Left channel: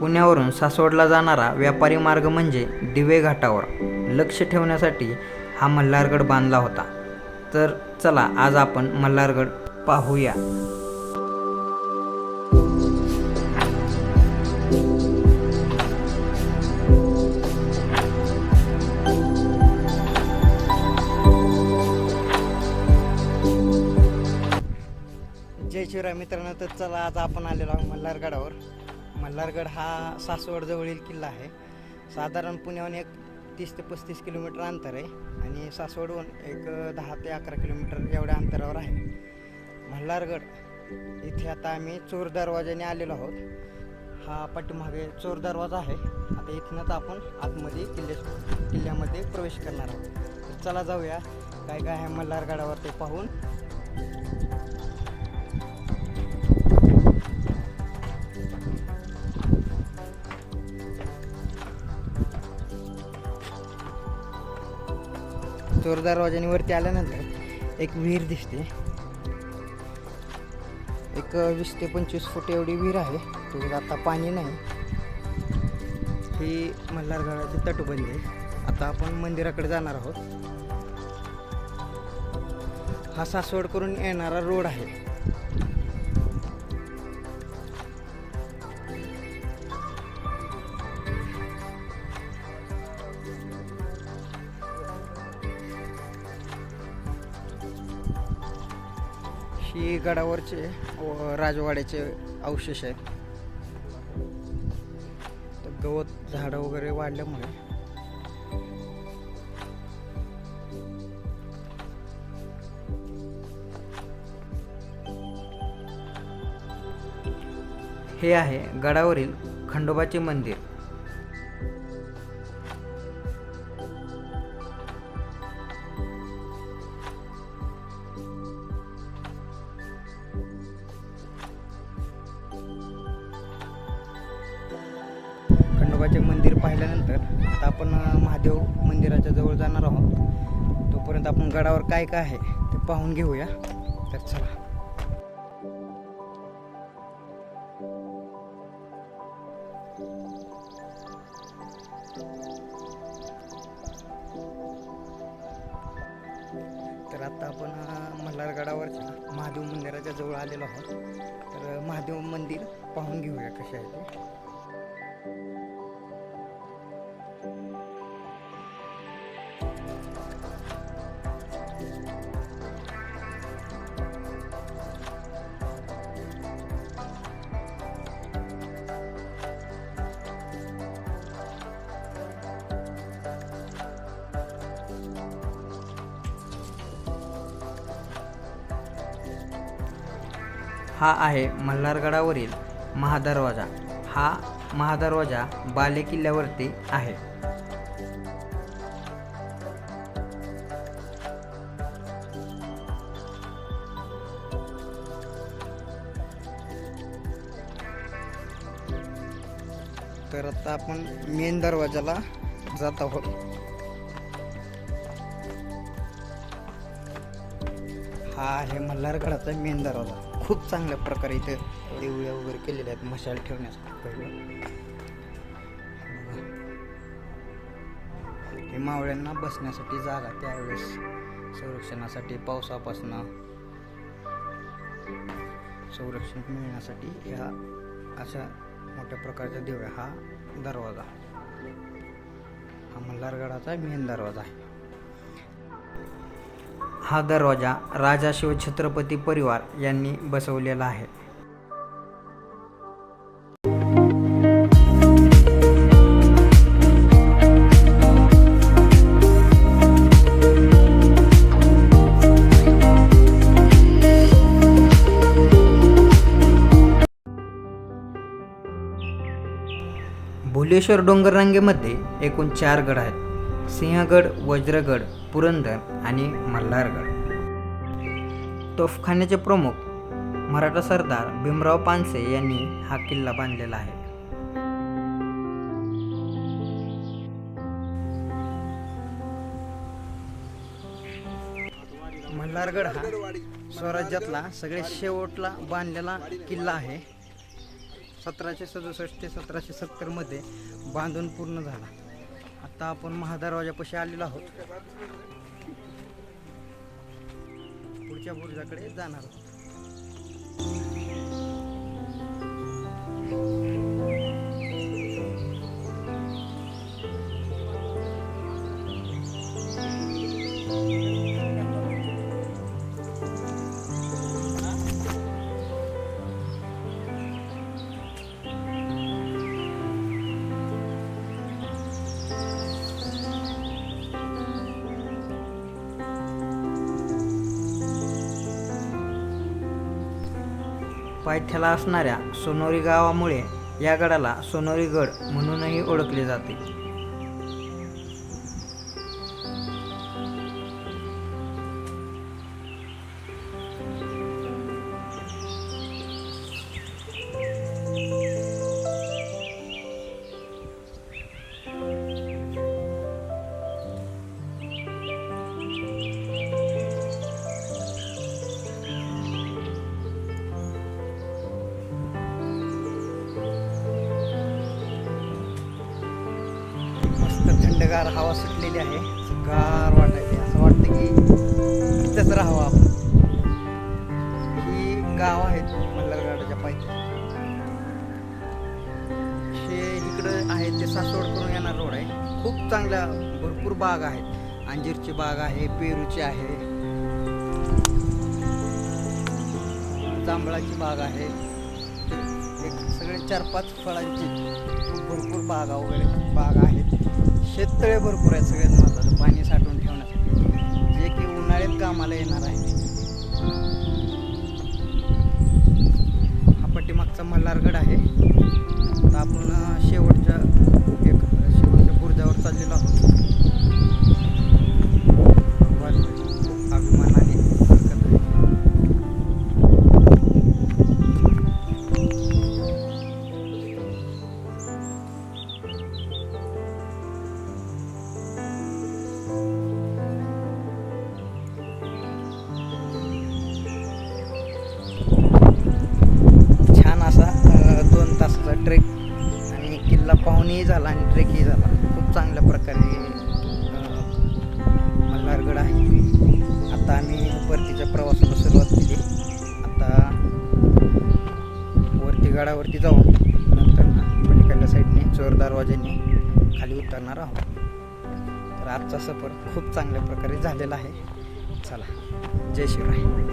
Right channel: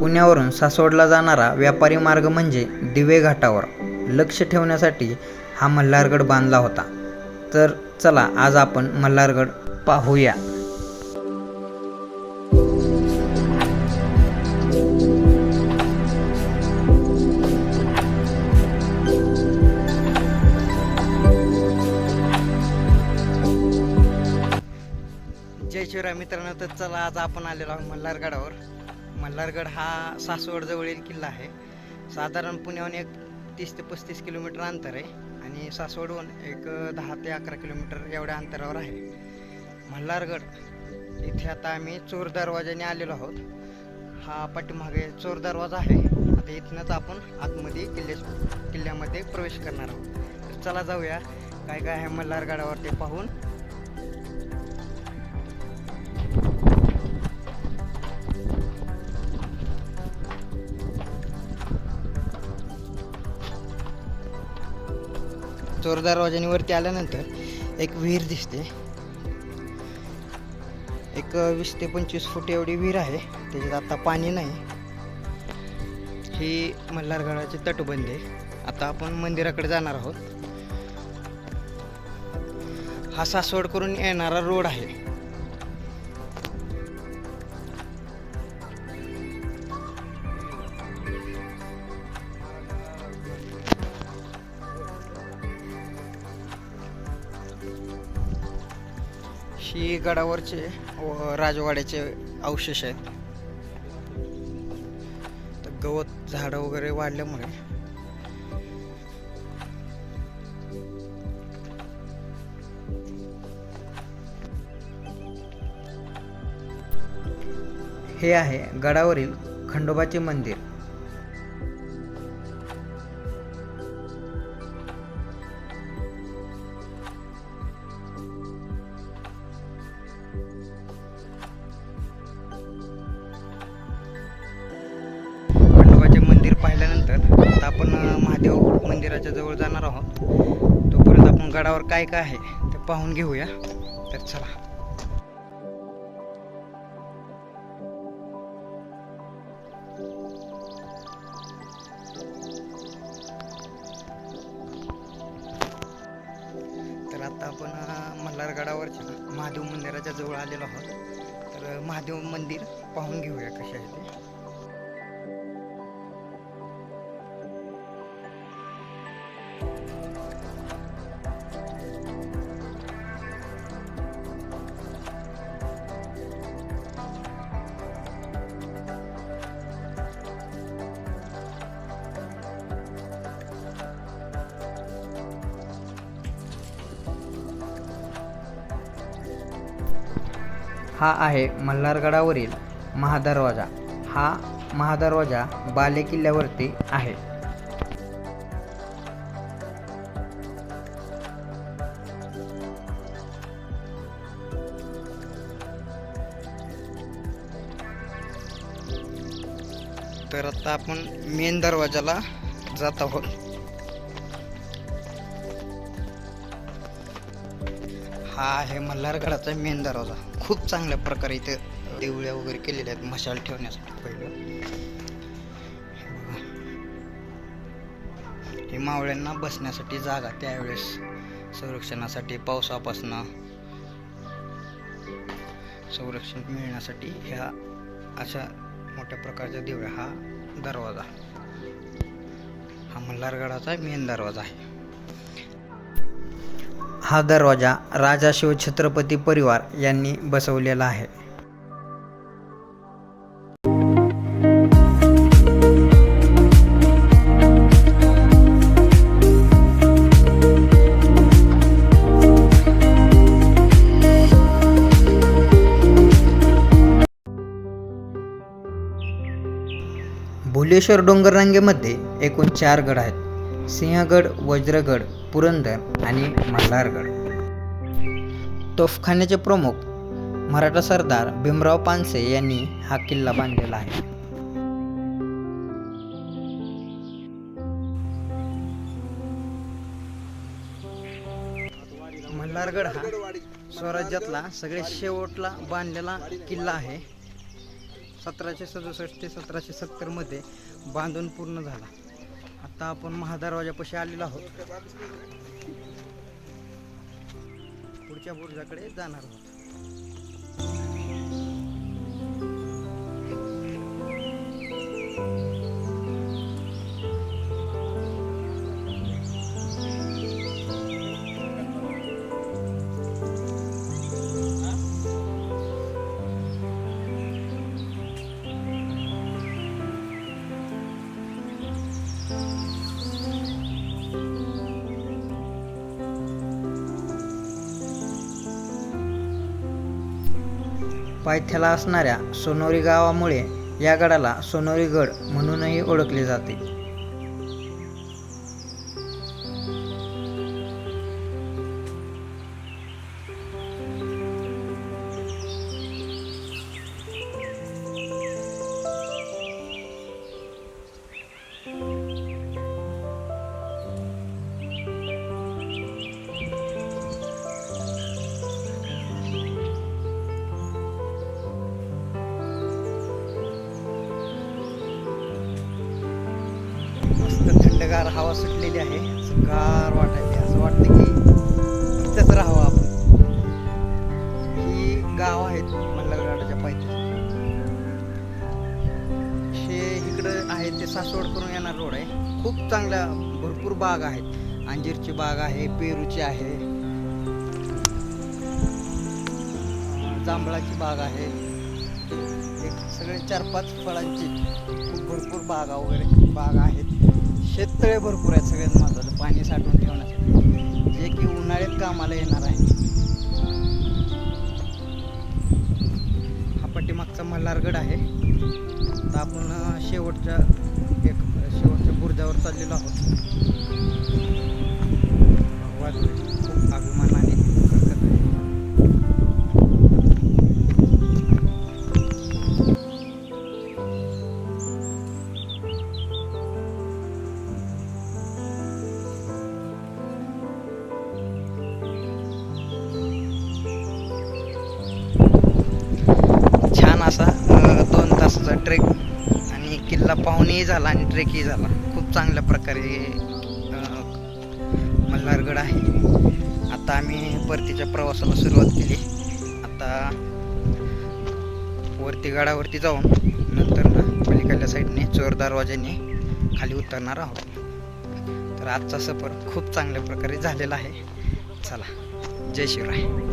पुण्यावरून सासवडला जाणारा व्यापारी मार्ग म्हणजे दिवे घाटावर. लक्ष ठेवण्यासाठी हा मल्हारगड बांधला होता. तर चला आज आपण मल्हारगड पाहूया. जय शिवराय मित्रांनो तर चला आज आपण आलेलो आहोत मल्हारगडावर. मल्हारगड हा सासवडजवळील किल्ला आहे. साधारण पुण्याहून एक तीस ते पस्तीस किलोमीटर अंतर आहे आणि सासवडहून एक दहा ते अकरा किलोमीटर एवढ्या अंतरावर आहे. मल्हारगड इथे आता आम्ही चोर दरवाजाने आलेलो आहोत. हा पाठीमागे चोर दरवाजा आहे. आता इथनंच आपण आतमध्ये किल्ले किल्ल्यामध्ये प्रवेश करणार आहोत. तर चला जाऊया. काय काय आहे मल्हारगडावर ते पाहून. चोर दरवाजाने वरती आल्यानंतर एक विहीर दिसते. एक वीस ते पंचवीस फूट एवढी विहीर आहे. त्याच्यात आता पाणी नाही. ही मल्हारगडाची तटबंदी आहे. आता आपण मंदिराकडे जाणार आहोत. हा सासवड करून येणारा रोड आहे. ही गडावरचे व राजवाड्याचे अवशेष आहेत. तर गवत झाडं वगैरे वाढल्यामुळे हे आहे गडावरील खंडोबाचे मंदिर. पाहिल्यानंतर आता आपण महादेव मंदिराच्या जवळ जाणार आहोत. तोपर्यंत आपण गडावर काय काय आहे ते पाहून घेऊया. तर चला. तर आता आपण मल्हारगडावरच्या महादेव मंदिराच्या जवळ आलेलो आहोत. तर महादेव मंदिर पाहून घेऊया कसे आहे ते. हा आहे मल्हारगडावरील महादरवाजा. हा महादरवाजा बाले किल्ल्यावरती आहे. तर आता आपण मेन दरवाजाला जात आहोत. हा आहे मल्हारगडाचा मेन दरवाजा. खूप चांगल्या प्रकारे इथे देवळ्या वगैरे केलेल्या आहेत मशाल ठेवण्यासाठी पहिलं. हे हे मावळ्यांना बसण्यासाठी जागा त्यावेळेस. संरक्षणासाठी पावसापासनं संरक्षण मिळण्यासाठी ह्या अशा मोठ्या प्रकारच्या देवळ्या. हा दरवाजा. हा मल्हारगडाचा मेन दरवाजा आहे. हा दरवाजा राजा शिवछत्रपती परिवार यांनी बसवलेला आहे. भुलेश्वर डोंगररांगेमध्ये एकूण चार गड आहेत. सिंहगड वज्रगड पुरंदर आणि मल्हारगड. तोफखान्याचे प्रमुख मराठा सरदार भीमराव पानसे यांनी हा किल्ला बांधलेला आहे. मल्हारगड हा स्वराज्यातला सगळ्यात शेवटला बांधलेला किल्ला आहे. सतराशे सदुसष्ट ते सतराशे सत्तरमध्ये बांधून पूर्ण झाला. आता आपण महादरवाजापाशी आलेलो आहोत. पुढच्या बुरुजाकडे जाणार आहोत. पायथ्याला असणाऱ्या सोनोरी गावामुळे या गडाला सोनोरी गड म्हणूनही ओळखले जाते. थंडगार हवा सुटलेली आहे. सुगार वाटायची असं वाटतं की इथंच राहावं आपण. ही गाव आहेत मल्हारगडाच्या पायथ्या ते इकडं आहे ते सासवड करून येणार रोड आहे. खूप चांगल्या भरपूर बाग आहेत. अंजीरची बाग आहे पेरूची आहे. जांभळाची बाग आहे. एक सगळे चार पाच फळांची खूप भरपूर बागा वगैरे बाग आहेत. शेततळे भरपूर आहेत सगळ्यात महत्त्वाचं पाणी साठवून ठेवण्यासाठी. जे की उन्हाळ्यात कामाला येणार आहे. हा पट्टीमागचा मल्हारगड आहे. आता आपण शेवटच्या एक शेवटच्या बुर्जावर चाललेलो आहोत. भगवान खूप अभिमानाने आमचा ट्रेक आणि किल्ला पाहुणेही झाला आणि ट्रेकही झाला. खूप चांगल्या प्रकारे मल्हारगड आहे. आता आम्ही परतीच्या प्रवासाला सुरुवात केली. आता वरती गडावरती जाऊन नंतर ना पलीकडल्या साईडने चोर दरवाजाने खाली उतरणार आहोत. तर आजचा सफर खूप चांगल्या प्रकारे झालेला आहे. चला जय शिवराय.